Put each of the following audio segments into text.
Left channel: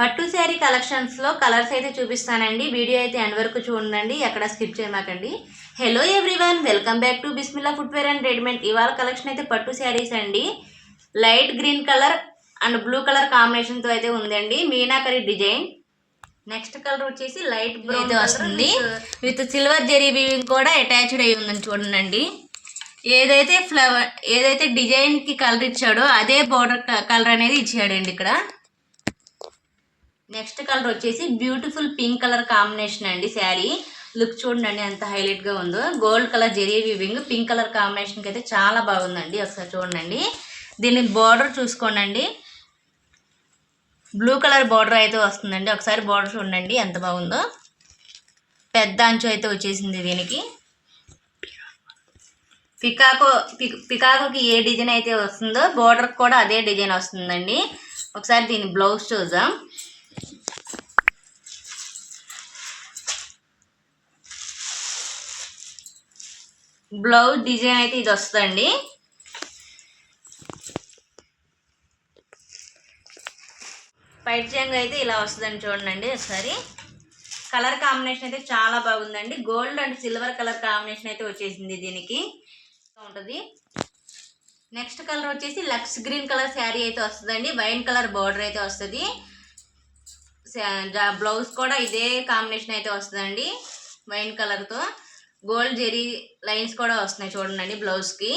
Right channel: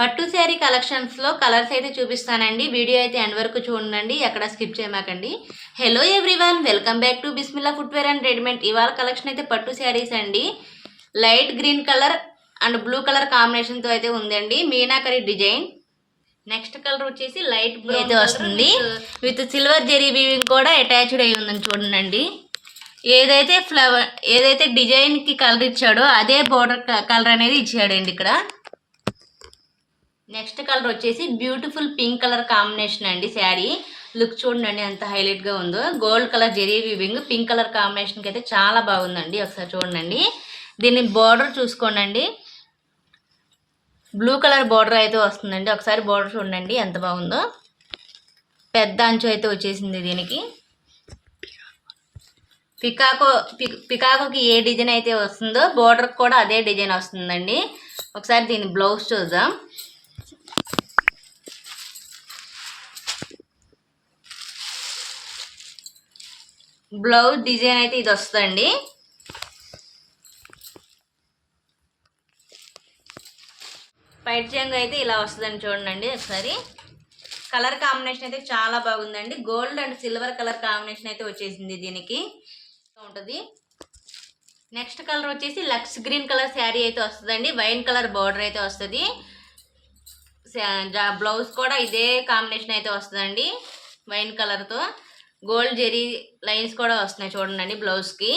పట్టు శారీ కలెక్షన్స్లో కలర్స్ అయితే చూపిస్తానండి. వీడియో అయితే ఎండ్ వరకు చూడండి, ఎక్కడ స్కిప్ చేయమాకండి. Hello everyone, welcome back to Bismillah footwear and readymade. ఇవాళ కలెక్షన్ అయితే పట్టు శారీస్ అండి. Light green colour and blue colour కాంబినేషన్తో అయితే ఉందండి. మీనాకరి డిజైన్. నెక్స్ట్ కలర్ వచ్చేసి లైట్ బ్లూ అయితే వస్తుంది. విత్ సిల్వర్ జెరీ వీవింగ్ కూడా అటాచ్డ్ అయి ఉందని చూడండి. ఏదైతే డిజైన్కి కలర్ ఇచ్చాడో అదే బోర్డర్ కలర్ అనేది ఇచ్చాడండి ఇక్కడ. నెక్స్ట్ కలర్ వచ్చేసి బ్యూటిఫుల్ పింక్ కలర్ కాంబినేషన్ అండి. శారీ లుక్ చూడండి ఎంత హైలైట్గా ఉందో. Gold colour zari weaving pink colour కాంబినేషన్కి అయితే చాలా బాగుందండి. ఒకసారి చూడండి, దీని బార్డర్ చూసుకోండి. బ్లూ కలర్ బార్డర్ అయితే వస్తుందండి. ఒకసారి బార్డర్ చూడండి ఎంత బాగుందో. పెద్ద అంచు అయితే వచ్చేసింది దీనికి. పికాకోకి ఏ డిజైన్ అయితే వస్తుందో బార్డర్ కూడా అదే డిజైన్ వస్తుందండి. ఒకసారి దీని బ్లౌజ్ చూద్దాం. బ్లౌజ్ డిజైన్ అయితే ఇది వస్తుందండి. పైట్ చెంగు అయితే ఇలా వస్తుందండి. చూడండి ఒకసారి. కలర్ కాంబినేషన్ అయితే చాలా బాగుందండి. Gold and silver colour combination అయితే వచ్చేసింది దీనికి ఉంటుంది. నెక్స్ట్ కలర్ వచ్చేసి లక్స్ గ్రీన్ కలర్ శారీ అయితే వస్తుందండి. వైన్ కలర్ బార్డర్ అయితే వస్తుంది. బ్లౌజ్ కూడా ఇదే కాంబినేషన్ అయితే వస్తుందండి. వైన్ కలర్తో గోల్డ్ జెరీ లైన్స్ కూడా వస్తున్నాయి చూడండి బ్లౌజ్కి.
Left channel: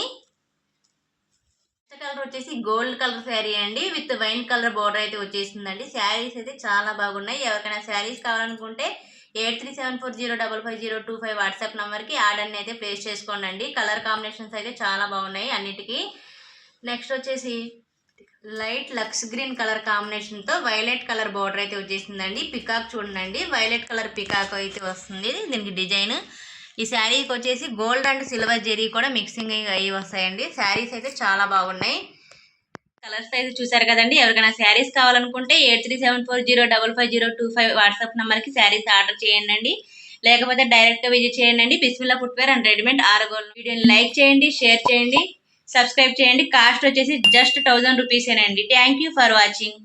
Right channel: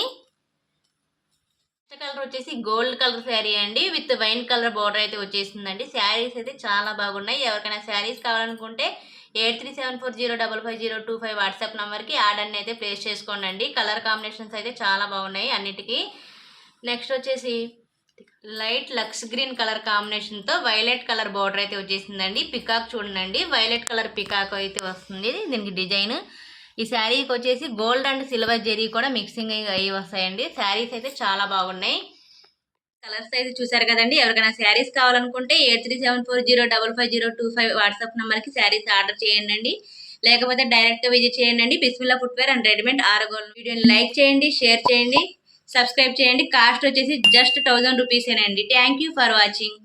నెక్స్ట్ కలర్ వచ్చేసి గోల్డ్ కలర్ శారీ అండి, విత్ వైన్ కలర్ బార్డర్ అయితే వచ్చేసిందండి. శారీస్ అయితే చాలా బాగున్నాయి. ఎవరికైనా శారీస్ కావాలనుకుంటే 8374055025 వాట్సాప్ నెంబర్కి ఆర్డర్ని అయితే ప్లేస్ చేసుకోండి. కలర్ కాంబినేషన్స్ అయితే చాలా బాగున్నాయి అన్నిటికీ. నెక్స్ట్ వచ్చేసి లైట్ లక్స్ గ్రీన్ కలర్ కాంబినేషన్తో వైలెట్ కలర్ బార్డర్ అయితే వచ్చేసిందండి. పికాక్ చూడండి, వైలెట్ కలర్ పికాక్ అయితే వస్తుంది దీనికి డిజైన్. ఈ శారీకి వచ్చేసి గోల్డ్ అండ్ సిల్వర్ జెరీ కూడా మిక్సింగ్ అయ్యి వస్తాయండి. శారీస్ అయితే చాలా బాగున్నాయి. కలర్స్ అయితే చూసారు కదండి. ఎవరికైనా శారీస్ కావాలనుకుంటే 8374055025 వాట్సాప్ నెంబర్కి శారీస్ ఆర్డర్ చేయండి. లేకపోతే డైరెక్ట్గా విజిట్ చేయండి. బిస్మిల్లా ఫుట్వేర్ అండ్ రెడీమేడ్ ఆరగోల్. వీడియోని లైక్ చేయండి, షేర్ చేయండి, సబ్స్క్రైబ్ చేయండి. కాస్ట్ వచ్చేసి జస్ట్ 1000 రూపీసేనండి. Thank you for watching.